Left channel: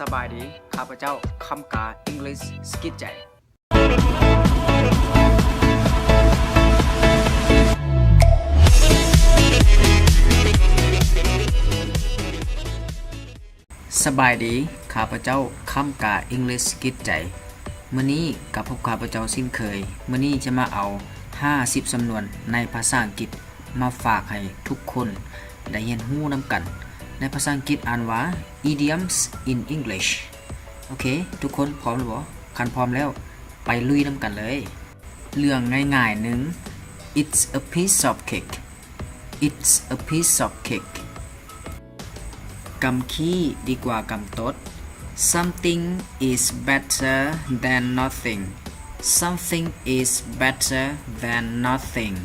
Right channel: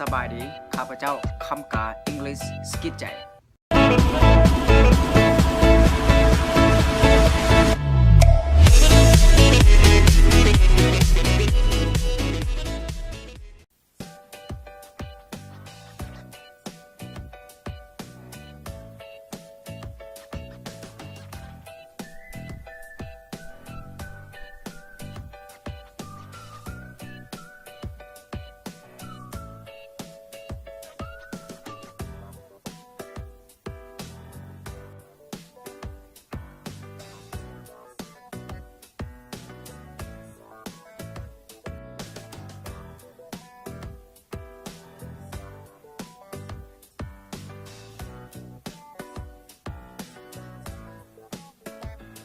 สบายดีข้าพเจ้าคำกา English สกิดใจสบายดีข้าพเจ้าคำกา English สกิดใจมื้อนี้กับพบข้าพเจ้าสิ้นเคยมื้อนี้จะมาเอา50สำนวนในภาษาอังกฤษมาฝากให้ทุกคนได้เรียนรู้นำกันในภาษาอังกฤษอ่านว่า idioms in English โอเคทุกคนพร้อมหรือบ่คันพร้อมแล้วไปลุยนำกันเลยเรื่องง่ายๆหนึ่ง It's a piece of cake It's a piece of cake กำขี้ดีกว่ากำตด Something is better than nothing Something is better than nothing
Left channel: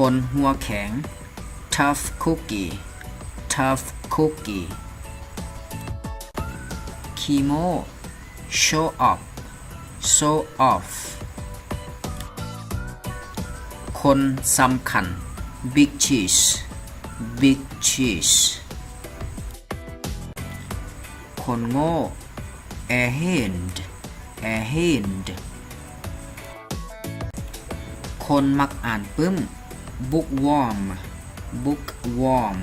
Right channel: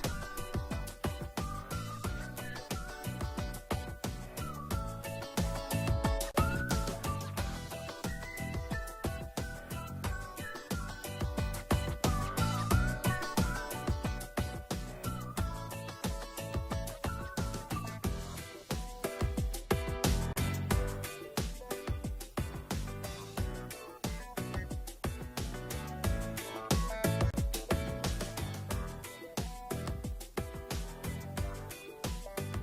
คนหัวแข็ง Tough cookie Tough cookie ขี้โม้ Show off Show off คนสำคัญ Big cheese Big cheese คนโง่ Airhand Airhand คนมักอ่านปึ้ม Bookworm Bookworm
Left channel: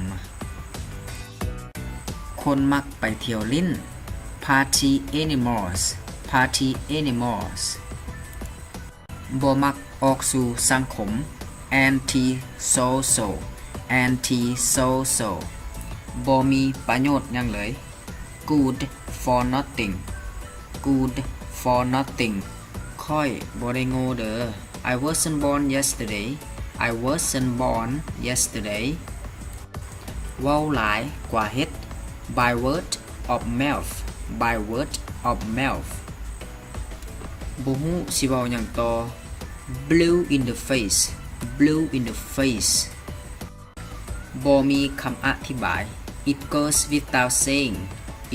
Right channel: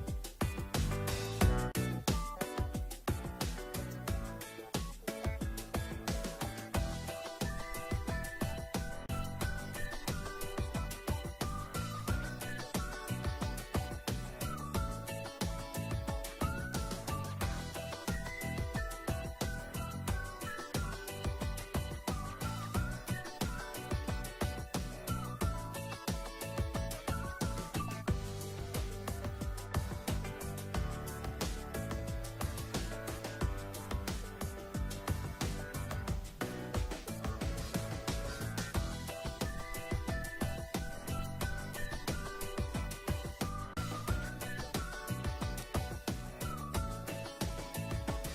คนมักไปเที่ยวลิ้น Party animals Party animals บ่มักออกสู่สังคม Anti-social Anti-social บ่มีประโยชน์หยังเลย Good for nothing Good for nothing ค่อยบ่ได้โง่เด้อ I wasn't born yesterday I wasn't born yesterday เว้าหลายกว่าเฮ็ด By word of mouth By word of mouth บ่ฮู้สิเว้าหยังต่อ Blue in the face Blue in the face บ่มีคำอธิบาย It goes without saying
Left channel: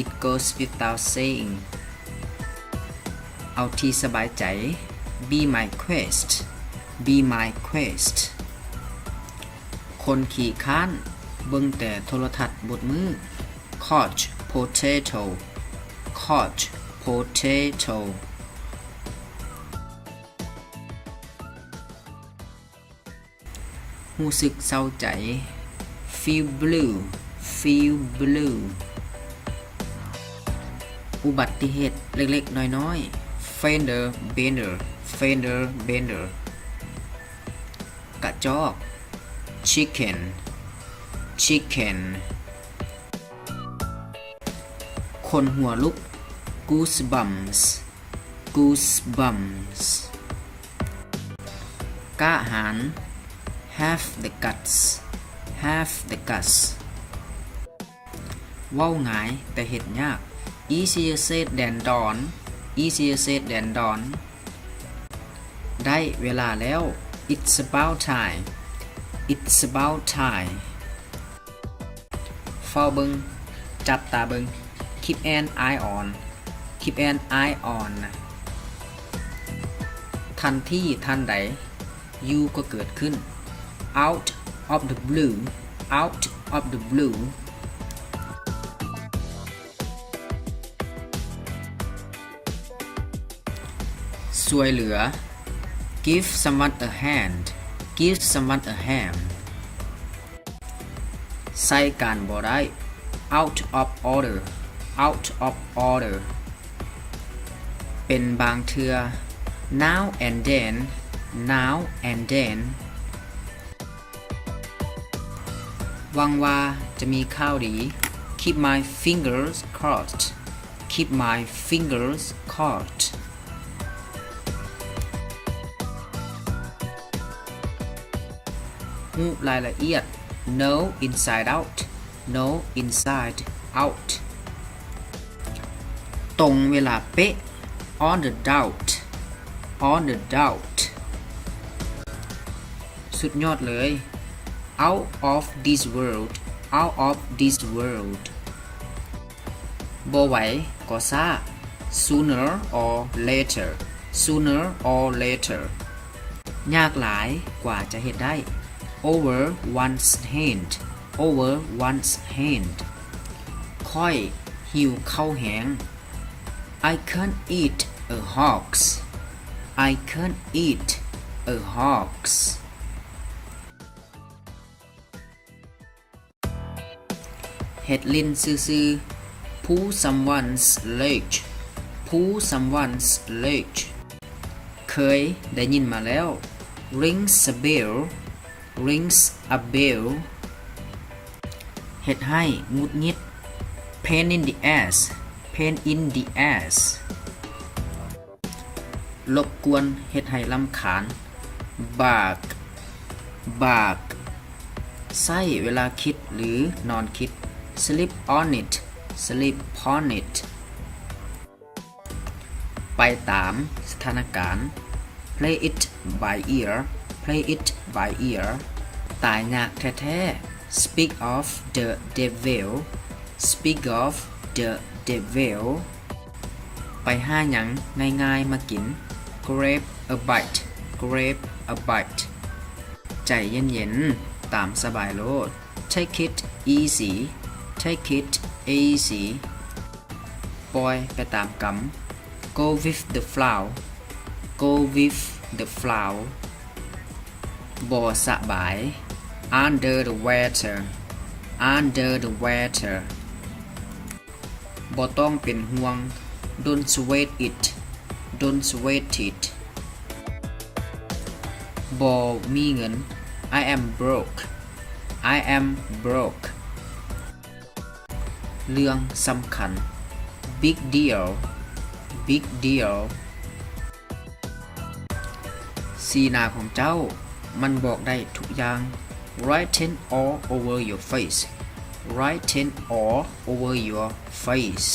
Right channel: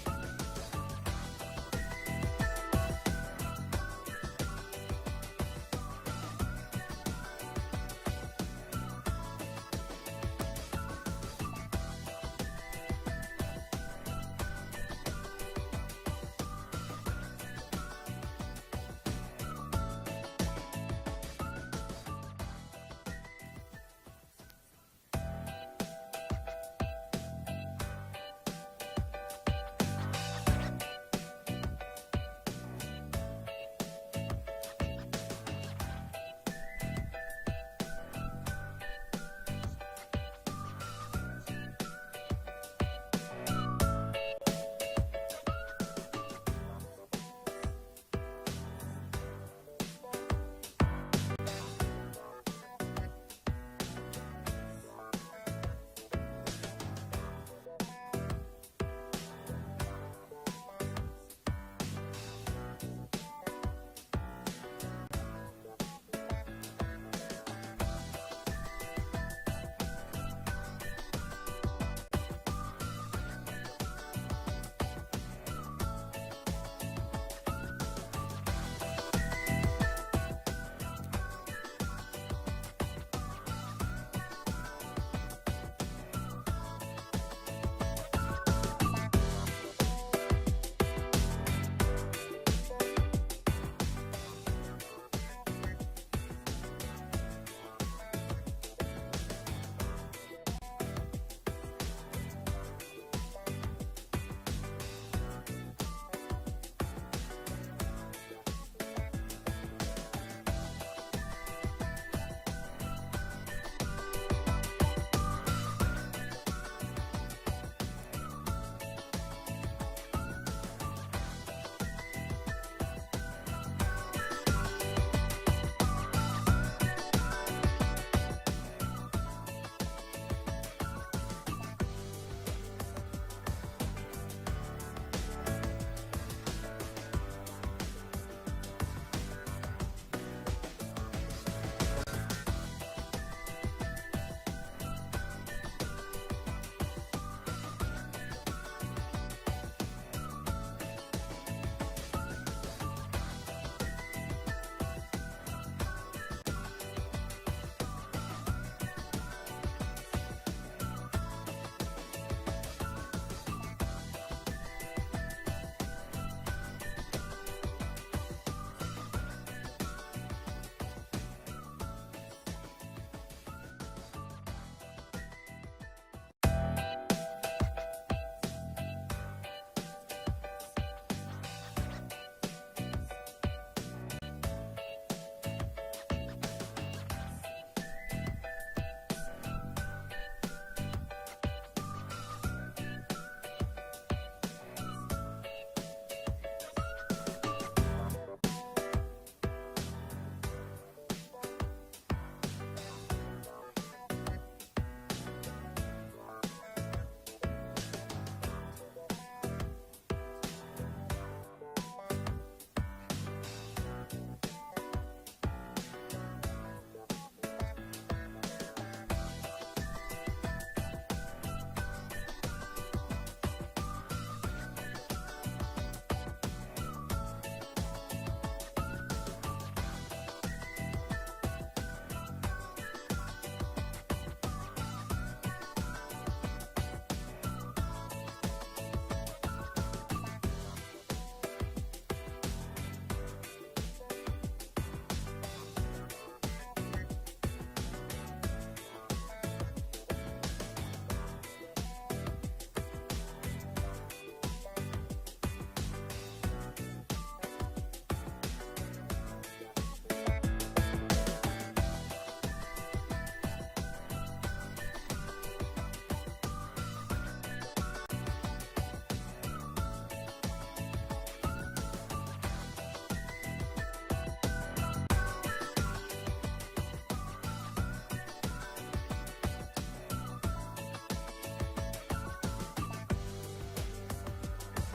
It goes without saying เอาที่สบายใจ Be my quest Be my quest คนขี้ค้านเบิ่งแต่โทรทัศน์บดมือ Couch potato Couch potato รู้สึกเศร้าใจ Feel blue Feel blue อุบัติเหตุเล็กๆน้อยๆ Fender bender Fender bender กระจอก Chicken Chicken คนหัวลุก Goosebumps Goosebumps กล้าหาญ Have the guts Have the guts เว้าง่ายแต่เฮ็ดยาก Easier said than done Easier said than done ได้เวลาแล้ว It's about time It's about time เฝ้าเบิงจับตาเบิง Keep an eye on Keep an eye on ทันทีทันใด You ก็เกิดขึ้น Out of the blue Out of the blue ช่วยเหลือ Give someone a hand Give someone a hand ใส่การบ่ได้ Out of order Out of order เป็นบางเทื่อ Now and then Now and then หวังว่าจะมีข่าวดี Keep my fingers crossed Keep my fingers crossed รู้รายละเอียด Know inside out Know inside out ตรงเวลาเป๊ะ On the dot On the dot สุดยอดเลย Out of this world Out of this world บ่ไหวก็ซ่า Sooner or later Sooner or later ยากหลายกว่าจะเฮ็ดได้ Over one's head over one's hand ค่อยหิวข้าวแห้ง I can't eat a hogs I can't eat a hogs เฮ็ดลิ้นซื่อๆ pull someone's leg pull someone's leg เคยได้ยินมาแล้ว rings a bell rings a bell เฮ็ดให้งุดงิด pain in the ass pain in the ass รบกวนเฮ็ดให้รำคาญ bark bark ไส้เวลาคิดหรือนอนคิด sleep on it sleep on it ไปตามสถานการณ์ play it by ear play it by ear ตายยากแท้ๆ speak of the devil speak of the devil ไปหาหยังง่ายๆมากิน grab a bite grab a bite ใจเย็นๆตามสบายโลด take it easy take it easy ปล่อยไปตามกำ go with the flow go with the flow บ่สบาย under the weather under the weather บ่ต้องเป็นห่วง don't sweat it don't sweat it บ่มีเงิน I am broke I am broke เรื่องสำคัญ big deal big deal สีหน้าของเจ้ามันบอกได้ทุกอย่าง write it all over your face write it all over your face